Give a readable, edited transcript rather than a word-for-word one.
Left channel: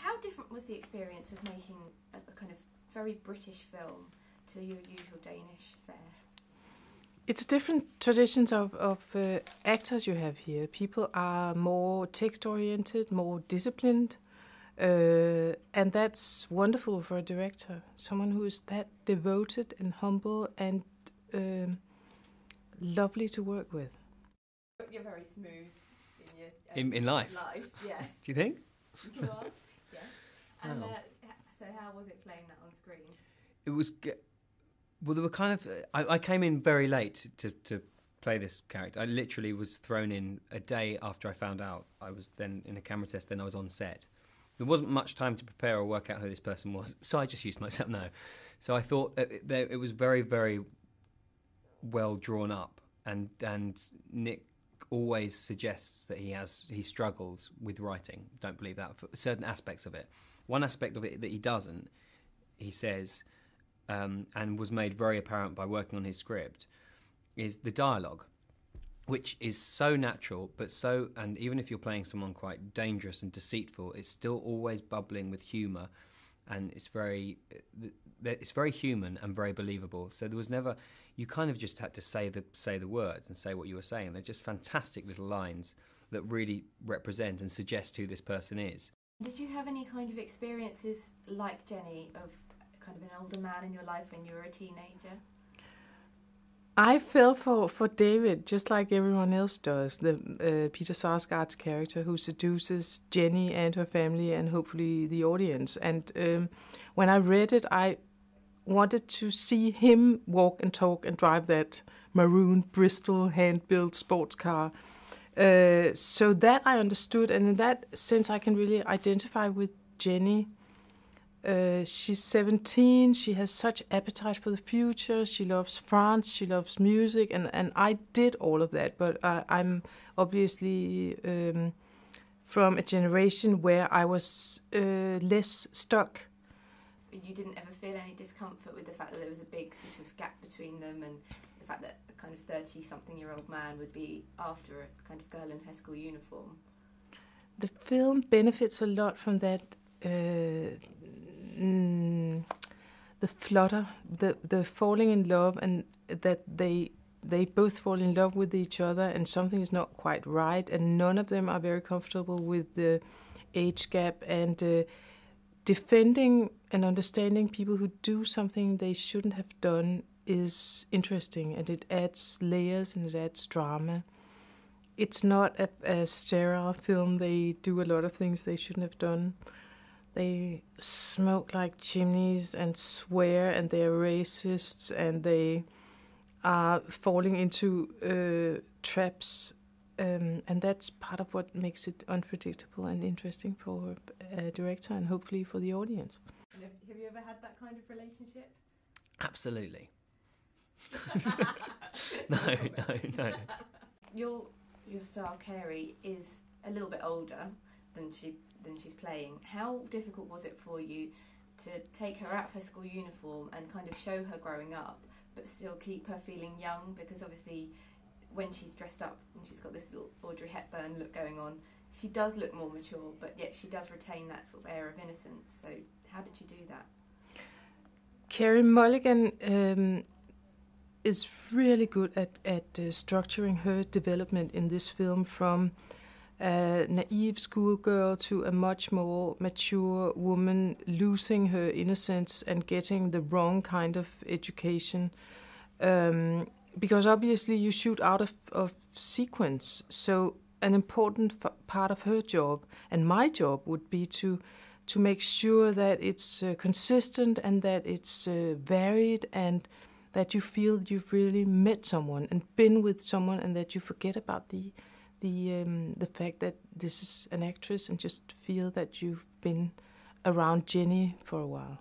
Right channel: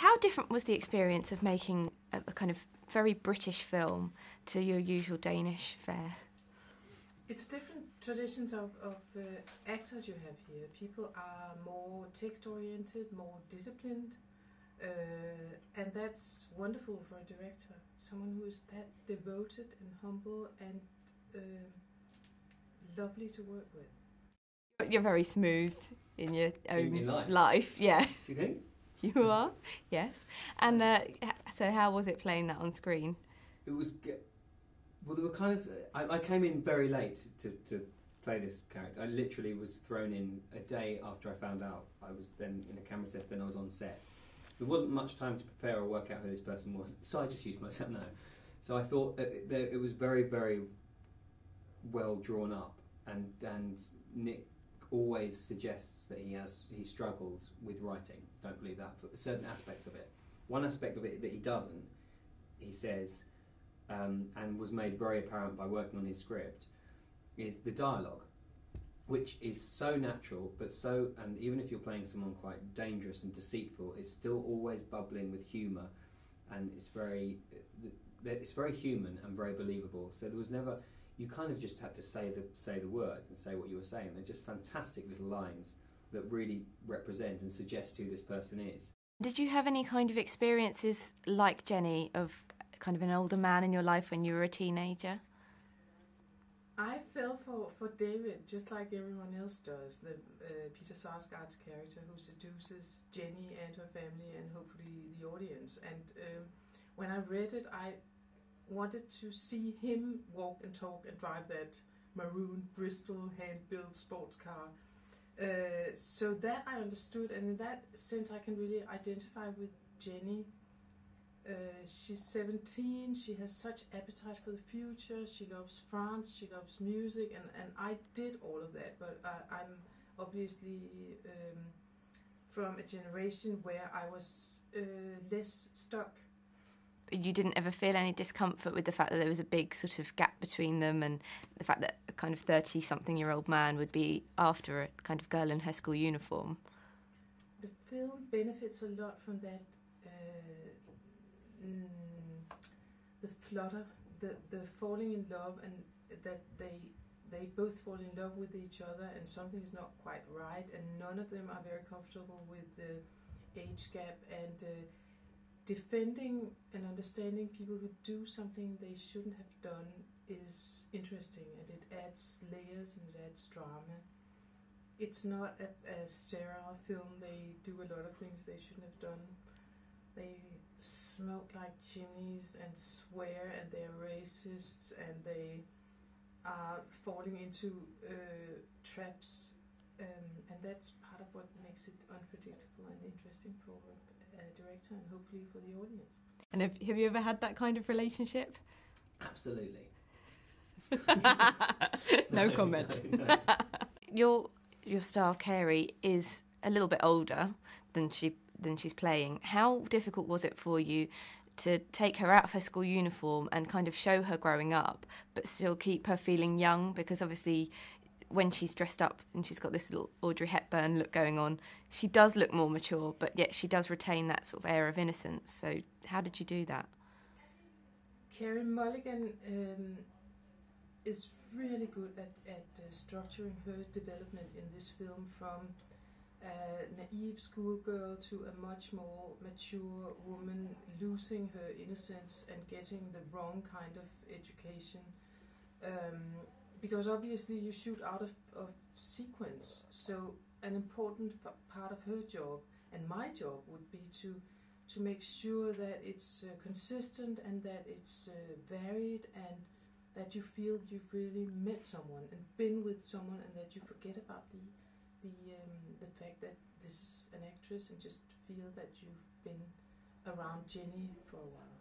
How different was the experience of making a kind of very British film to your usual Danish fare? It's different traditions of actors you have here. People are more text-oriented, more disciplined, and that's wonderful for a director. Someone who is that devoted and humble and lovely to work with. You're very smooth in your own in life, yeah. Do you think? You are, yes. And so how was it playing that on screen? It was... Well, there were kind of... I came in very late to play this character. I literally was thrown in a day after I found out. I was then in a camera test, then I was on set. There wasn't much time to prepare or work out who this person was, so I just used myself now. So I thought it was very, very well drawn up, and Nick always suggests that he struggles with writing. Don't believe that for certain aspects of it. One aspect of it that he doesn't, he says, and was made very apparent by working on his script, is the dialogue, which is so natural, and even if you're playing someone quite dangerous and deceitful, it's still always bubbling with humour, and it's very human and very believable. So there was never... You kind of just had to say the words and say what you were saying. They're just fantastic little lines that really represent and suggest who this person is. Did you have any kind of experiences like Jenny of kind of an older man in your life when you were a teenager? I fell for David, just like everyone else does, the Peter Sarsgaard's character who seduces Jenny and her family and hopefully the audience. And when I read it, I wanted to see him walk and talk and drive that maroon Bristol hand-built sports car. So that I understood, and in that sense I can really identify with Jenny. She's 17, she has such appetite for the future, she loves France, she loves music, and I did all of that, but I'm obviously from a generation where I was less stuck. You didn't ever feel any discomfort with the fact that there was a big sort of gap between them, and the fact that a kind of 30-something-year-old man would be after a kind of girl in her school uniform? The film benefits a lot from that, the flutter, the falling in love, and that they both fall in love with each other and something is not quite right, and none of them are very comfortable with the age gap, and defending and understanding people who do something they shouldn't have done is interesting, and it adds layers and it adds drama. It's not a sterile film. They do a lot of things they shouldn't have done. They smoke like chimneys and swear, and they're racists, and they are falling into traps, and that's part of what makes it unpredictable and interesting for a director and hopefully for the audience. And have you ever had that kind of relationship? Absolutely. No comment. No. Your star, Carey, is a little bit older than she's playing. How difficult was it for you to take her out of her school uniform and kind of show her growing up, but still keep her feeling young? Because obviously when she's dressed up and she's got this little Audrey Hepburn look going on, she does look more mature, but yet she does retain that sort of air of innocence. So how did you do that? Carey Mulligan is really good at structuring her development in this film, from a naive schoolgirl to a much more mature woman losing her innocence and getting the wrong kind of education. Because obviously you shoot out of sequence, so an important part of her job and my job would be to make sure that it's consistent and that it's varied, and that you feel you've really met someone and been with someone, and that you forget about the fact that this is an actress and just feel that you've been around Jenny for a while.